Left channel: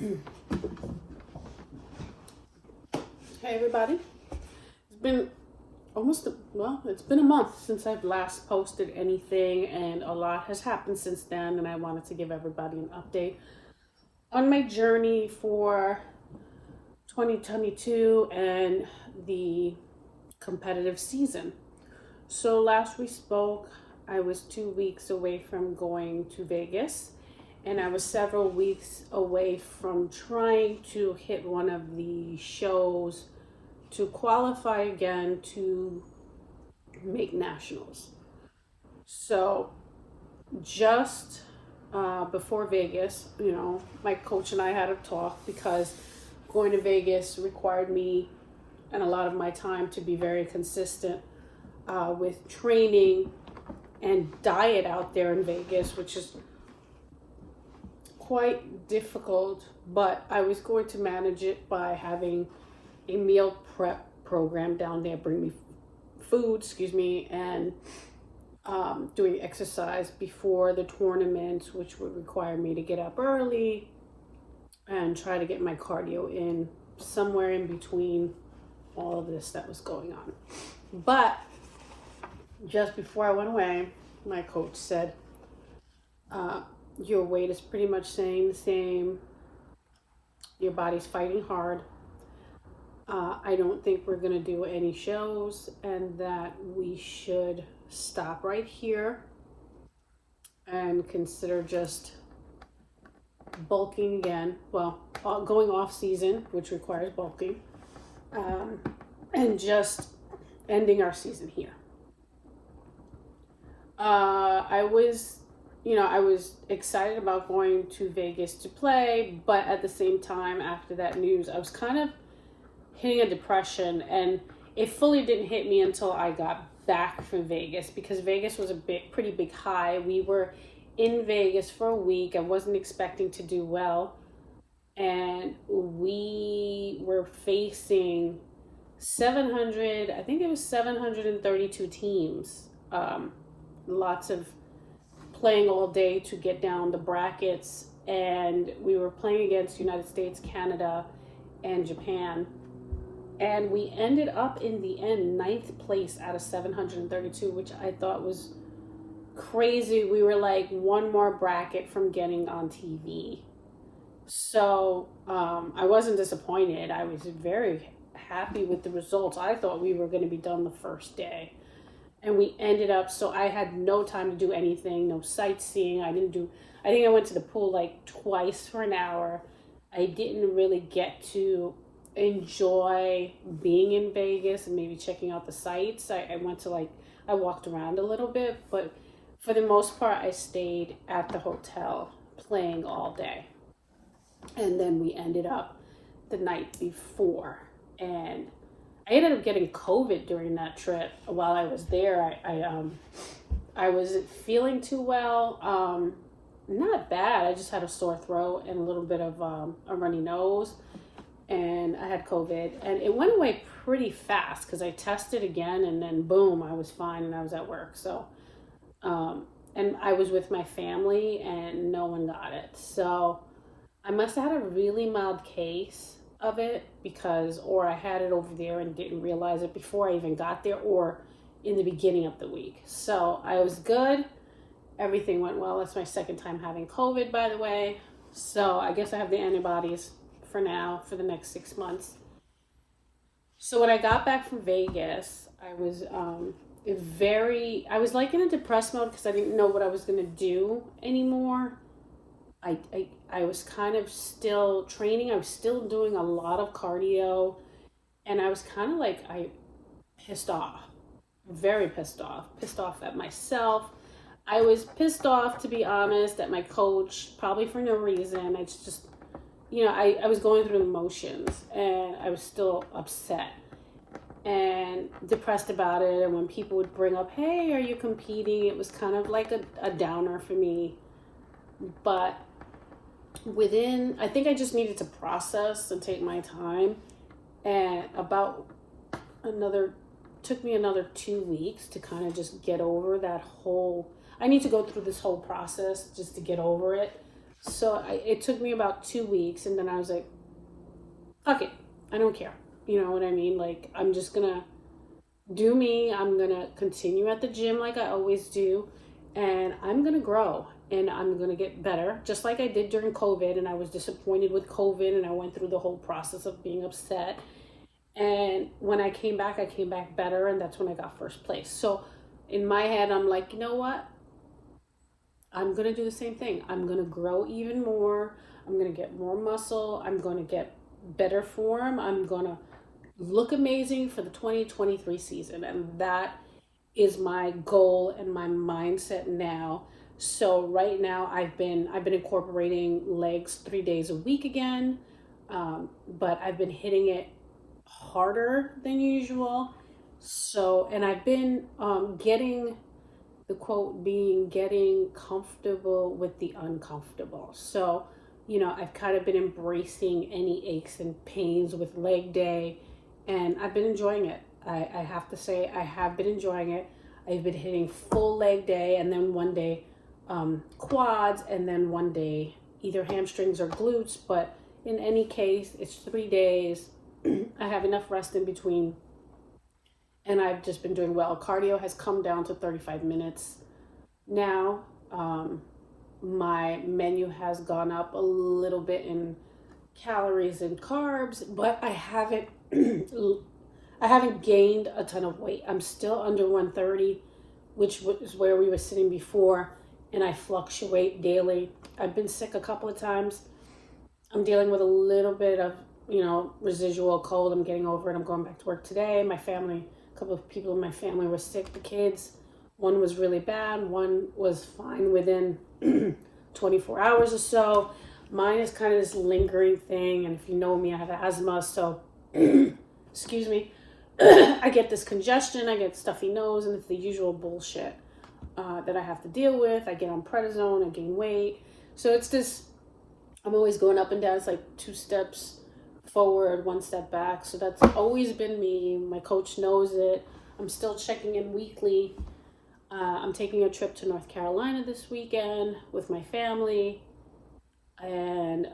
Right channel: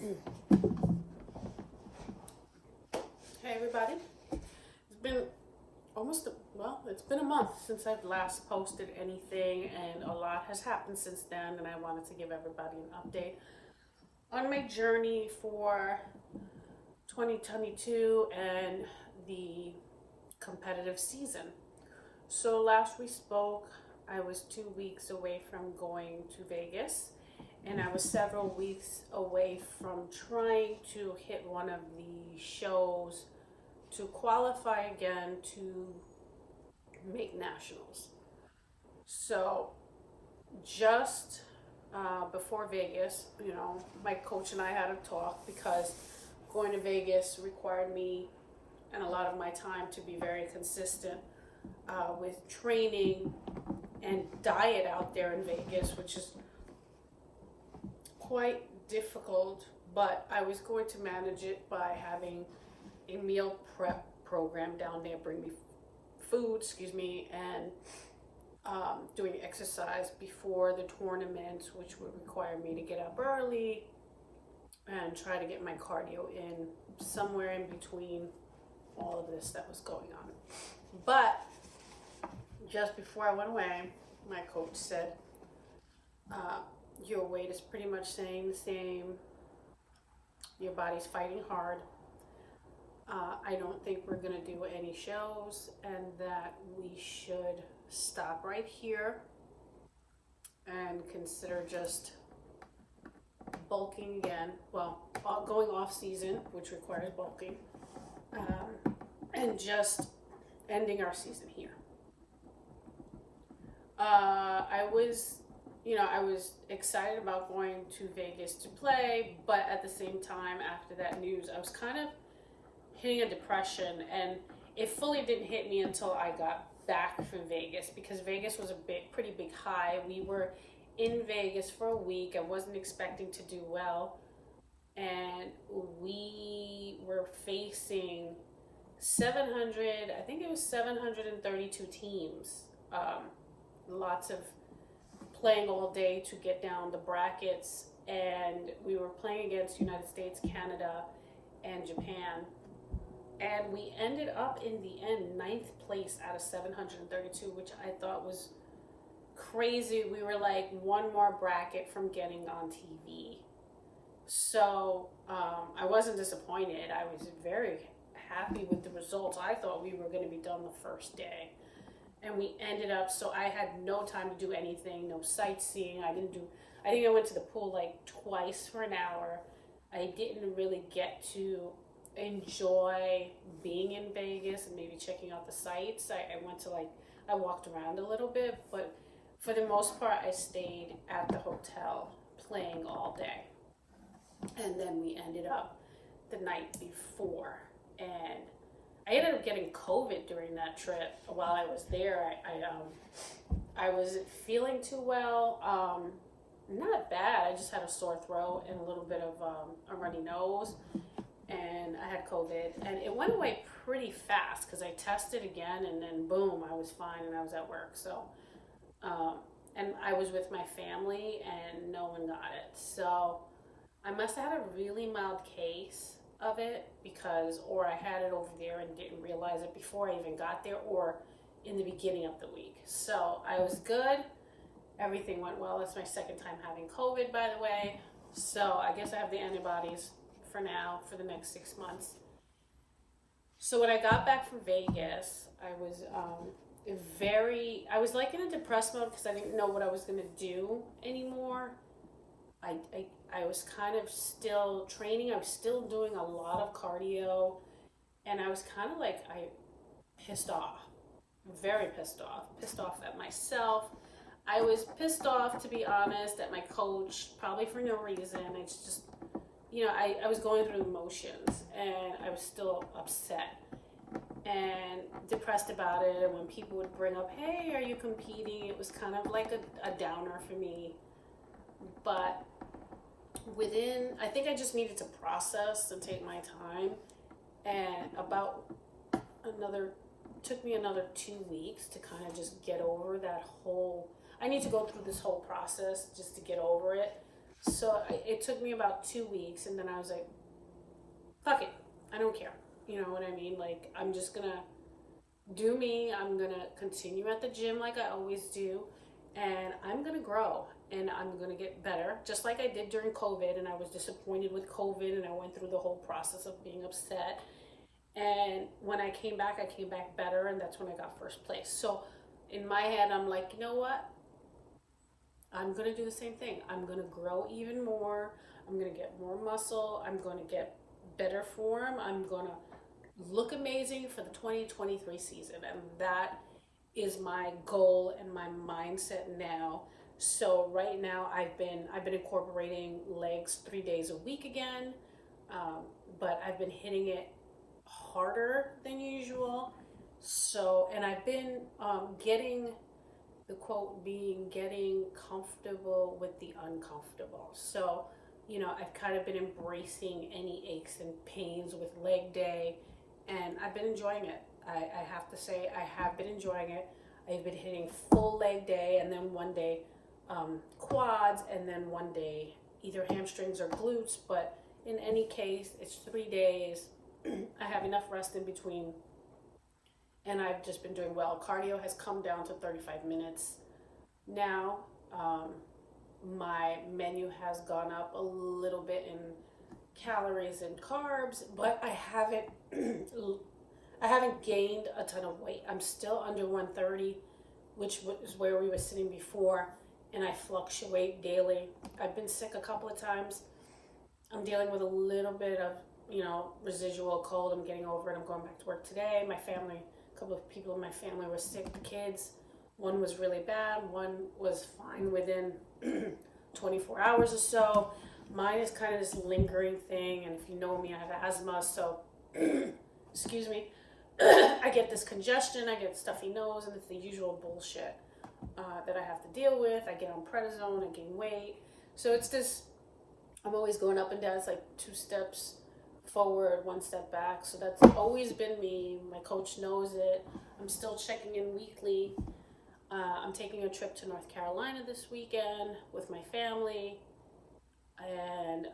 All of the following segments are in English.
Hey everybody, it's been it's been a month since I've last posted anything, and a lot has happened since then, and I wanted to give everybody an update on my journey for 2022 and the competitive season. So last we spoke, I was 2 weeks away from going to Vegas, and I was several weeks away from trying to hit one of the shows to qualify again to make nationals. So just before Vegas, my coach and I had a talk because going to Vegas required me and a lot of my time to be very consistent with training and diet out there in Vegas, which is quite difficult, but I was going to manage it by having a meal prep program down there, bring me food, and doing exercise before the tournament, which would require me to get up early and try to get my cardio in somewhere in between all of this that was going on. But just before I went away, my coach said, your weight is pretty much staying the same. Your body's fighting hard. I don't think we're going to do any shows, and that we should stop right here and consider just bulking again. Well, going off season, which requires bulking, and just ending our season here. I was excited about going to Vegas to play, but at the same time, after that news, I was kind of hitting a depression, and it fully didn't hit me until I got back from Vegas, because Vegas was pretty big high. We were in Vegas for a week. I wasn't expecting to do well, and we were facing 732 teams. Lots of playing all day to get down the brackets, and we were playing against United States, Canada, and Japan. And we ended up in the end 9th place out of 732, which I thought was crazy. We were like one more bracket from getting on TV. So I wasn't disappointed. I was very happy with the results. I thought we were going to be done the first day. And we ended up, so I had no time to do anything, no sightseeing. I think I went to the pool like twice for an hour. I didn't really get to enjoy being in Vegas and maybe checking out the sights. I walked around a little bit, but for the most part, I stayed at the hotel playing all day. And then we ended up the night before, and I ended up getting COVID during that trip. While I was there, I wasn't feeling too well. Not bad. I just had a sore throat and a little bit of a runny nose, and I had COVID, and it went away pretty fast because I tested again, and then boom, I was fine, and I was at work. So, and I was with my family, and no one got it. So I must have had a really mild case of it, or I had it over there and didn't realize it before I even got there, or in the beginning of the week. So I was good. Everything went well. That's my second time having COVID, by the way. So I guess I have the antibodies for now, for the next 6 months. So when I got back from Vegas, I was like in a depressed mode because I didn't know what I was going to do anymore. I was kind of still training. I was still doing a lot of cardio, and I was kind of like, pissed off, very pissed off at myself. I was pissed off, to be honest, at my coach, probably for no reason. I just, I was going through the motions, and I was still upset and depressed about it. And when people would bring up, hey, are you competing? It was kind of like a downer for me. But I think I just needed to process and take my time, and took me another 2 weeks to kind of just get over that whole, I need to go through this whole process just to get over it. So it took me about 2 weeks, and then I was like, fuck it, I don't care. You know what I mean? Like, I'm just gonna do me. I'm gonna continue at the gym like I always do, and I'm gonna grow and I'm gonna get better, just like I did during COVID. And I was disappointed with COVID, and I went through the whole process of being upset. And when I came back better, and that's when I got first place. So in my head, I'm like, you know what? I'm gonna do the same thing. I'm gonna grow even more. I'm gonna get more muscle. I'm gonna get better form. I'm gonna look amazing for the 2023 season. And that is my goal and my mindset now. So right now I've been incorporating legs 3 days a week again, but I've been hitting it harder than usual. So, and I've been getting, the quote being, getting comfortable with the uncomfortable. So, I've kind of been embracing any aches and pains with leg day, and I've been enjoying it. I have to say, I have been enjoying it. I've been hitting full leg day, and then one day quads, and then one day either hamstrings or glutes. But in any case, it's 3 days. I have enough rest in between, and I've just been doing well. Cardio has come down to 35 minutes now. My menu has gone up a little bit in calories and carbs, but I haven't I haven't gained a ton of weight. I'm still under 130, which is where we were sitting before, and I fluctuate daily. I've been sick a couple of times. I'm dealing with a little bit of, residual cold. I'm getting over it. I'm going back to work today. My family, a couple of people in my family were sick. The kids, one was really bad. One was fine within 24 hours or so. Mine is kind of this lingering thing. And if you know me, I have asthma. So, excuse me, I get this congestion. I get stuffy nose, and it's the usual bullshit that I have to deal with. I get on prednisone. I gain weight. So it's this, I'm always going up and down. It's like 2 steps forward, 1 step back. So that's always been me. My coach knows it. I'm still checking in weekly. I'm taking a trip to North Carolina this weekend with my family. And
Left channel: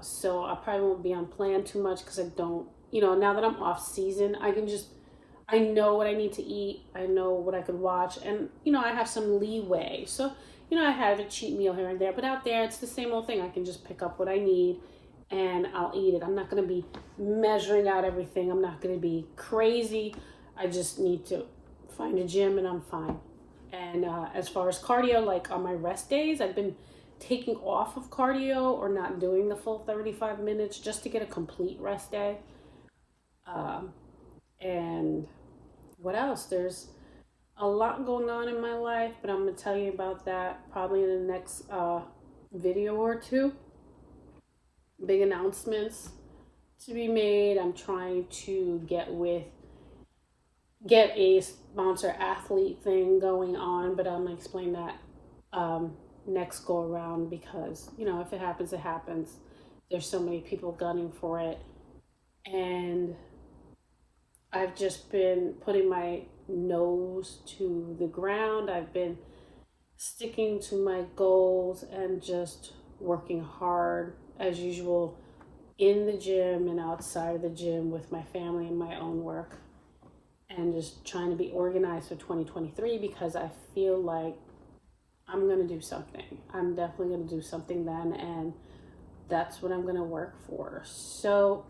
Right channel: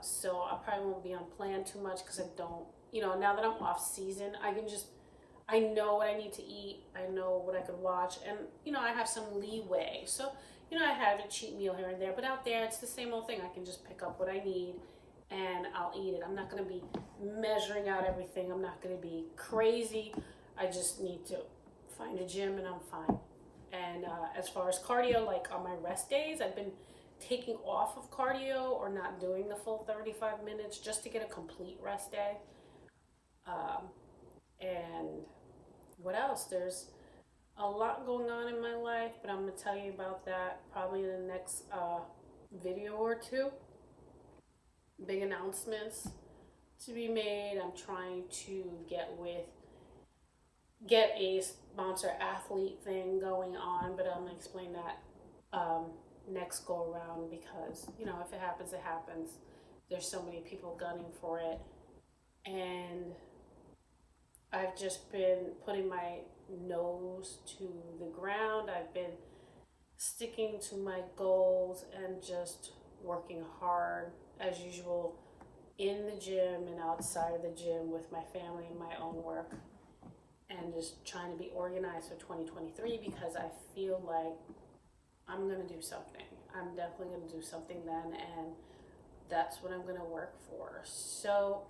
so I probably won't be on plan too much because I don't, now that I'm off season, I know what I need to eat. I know what I could watch. And, I have some leeway. So, I have a cheat meal here and there. But out there, it's the same old thing. I can just pick up what I need and I'll eat it. I'm not going to be measuring out everything. I'm not going to be crazy. I just need to find a gym and I'm fine. And as far as cardio, like on my rest days, I've been taking off of cardio or not doing the full 35 minutes just to get a complete rest day. And what else? There's a lot going on in my life, but I'm going to tell you about that probably in the next video or two. Big announcements to be made. I'm trying to get a sponsor athlete thing going on, but I'm going to explain that next go around because, if it happens, it happens. There's so many people gunning for it. And I've just been putting my nose to the ground. I've been sticking to my goals and just working hard as usual in the gym and outside of the gym with my family and my own work, and just trying to be organized for 2023 because I feel like I'm going to do something. I'm definitely going to do something then, and that's what I'm going to work for. So,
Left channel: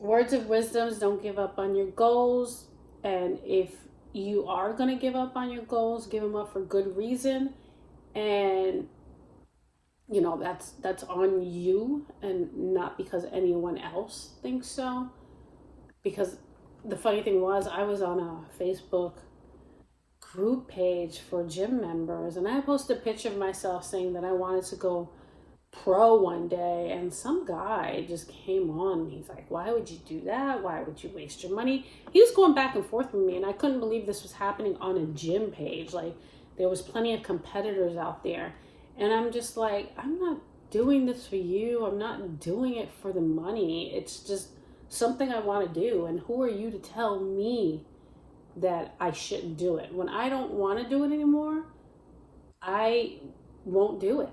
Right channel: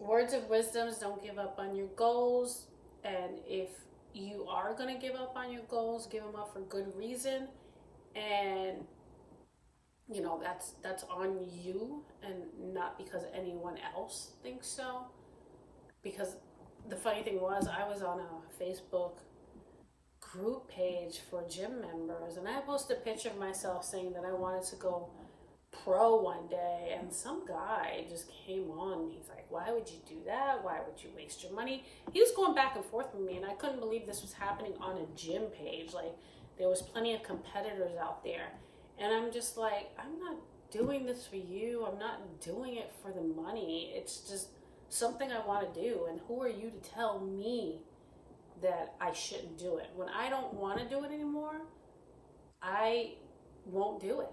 words of wisdoms: don't give up on your goals. And if you are going to give up on your goals, give them up for good reason. And, that's on you and not because anyone else thinks so. Because the funny thing was, I was on a Facebook group page for gym members, and I posted a picture of myself saying that I wanted to go pro one day, and some guy just came on. He's like, why would you do that? Why would you waste your money? He was going back and forth with me, and I couldn't believe this was happening on a gym page. Like, there was plenty of competitors out there, and I'm just like, I'm not doing this for you. I'm not doing it for the money. It's just something I want to do, and who are you to tell me that I shouldn't do it? When I don't want to do it anymore, I won't do it.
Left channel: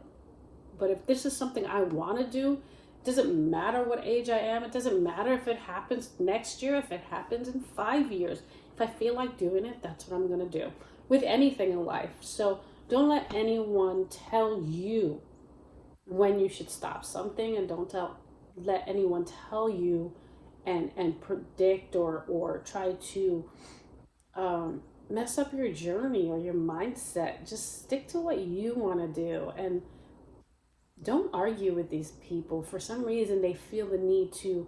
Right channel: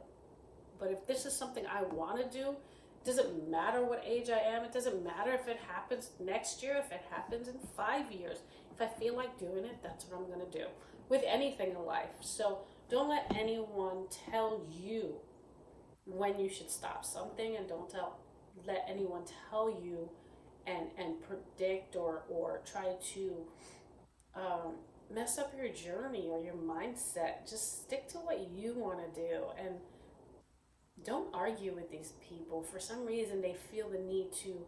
But if this is something I want to do, it doesn't matter what age I am. It doesn't matter if it happens next year, if it happens in 5 years. If I feel like doing it, that's what I'm going to do with anything in life. So don't let anyone tell you when you should stop something, and don't let anyone tell you and predict or try to mess up your journey or your mindset. Just stick to what you want to do, and don't argue with these people. For some reason, they feel the need to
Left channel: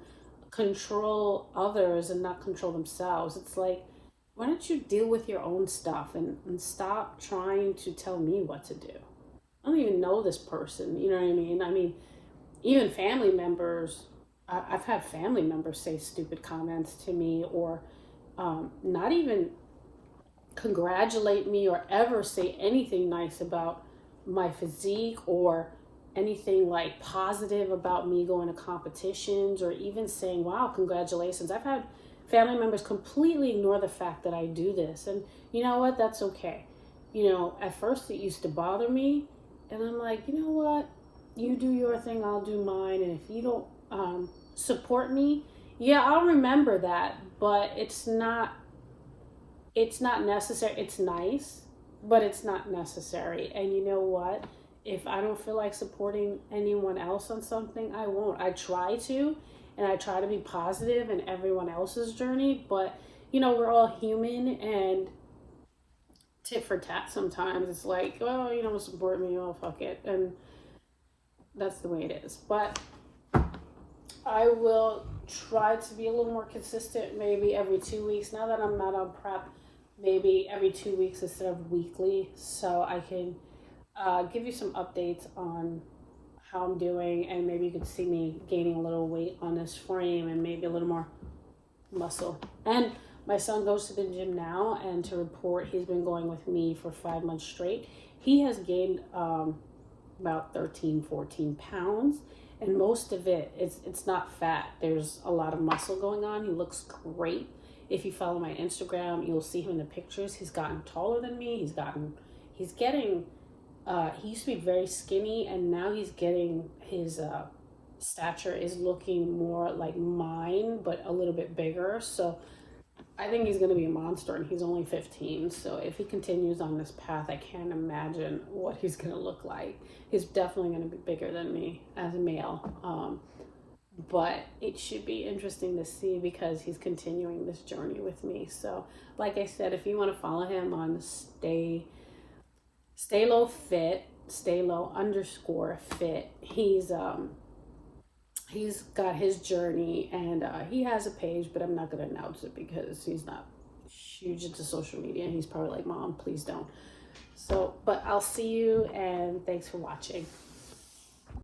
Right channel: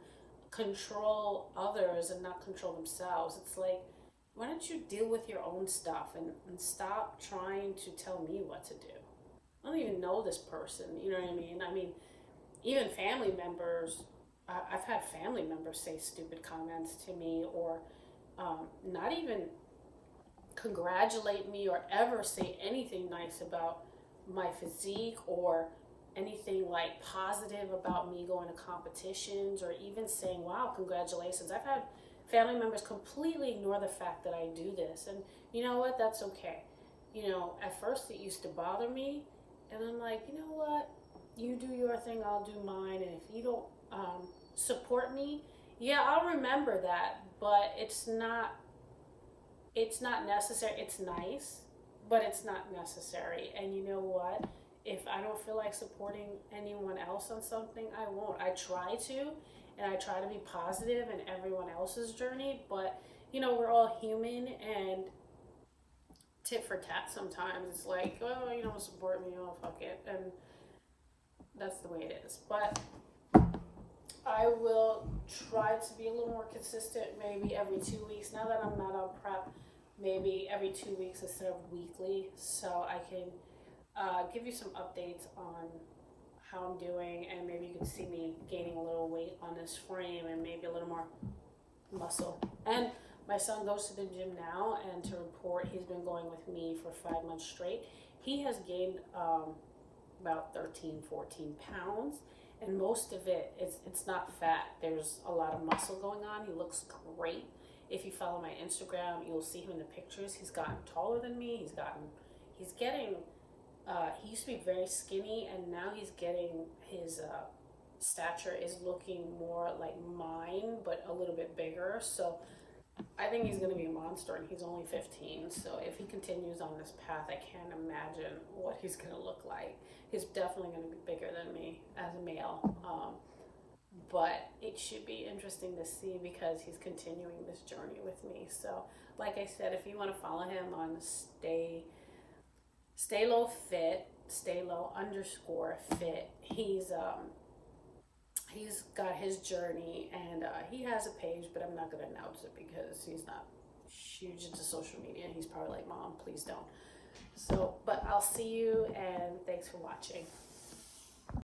control others and not control themselves. It's like, why don't you deal with your own stuff and stop trying to tell me what to do? I don't even know this person. You know what I mean? I mean, even family members, I've had family members say stupid comments to me, or not even congratulate me or ever say anything nice about my physique or anything like positive about me going to competitions, or even saying, wow, congratulations. I've had family members completely ignore the fact that I do this. And you know what? That's okay. You know, at first it used to bother me, and I'm like, you know what? You do your thing, I'll do mine. And if you don't support me, yeah, I'll remember that, but it's not necessary. It's nice, but it's not necessary. And you know what? If I don't feel like supporting anyone else on something, I won't. I try to, and I try to be positive in everyone else's journey, but you know, we're all human, and tit for tat sometimes. It's like, oh, you don't support me, oh, fuck it. And that's the way it is. But I will try to be a little more consistent, maybe every 2 weeks. Now that I'm not on prep, maybe every 2 weeks instead of weekly, so I can give you some updates on how I'm doing, and maybe you could see me gaining a little weight on this frame and maybe a little more muscle. And my son goes to the gym now, and to report, he's been going with me for 5 months straight. He has gained about 13-14 pounds, and most of it's not fat. There's a lot of muscle going on. He looks great. If you follow my Instagram, you'll see him in the pictures. He's gotten taller than me. He's getting he used to be very skinny, and now he's getting his stature is looking more like mine, but a little bit bigger. So I think he's going to be a monster, and he's only 15. So if he continues on this path, I can't imagine what he's going to look like. He's definitely going to be bigger than me as a male. But it should be interesting to see, because he's continuing this journey with me. So like I said, if you want to follow him on Stay Low Fit, staylow_fit, he's got his journey, and he has a page, but I'm not going to announce it because he's not huge into social media, and he's probably like, Mom, please don't. So, but I'll see you, and thanks for watching.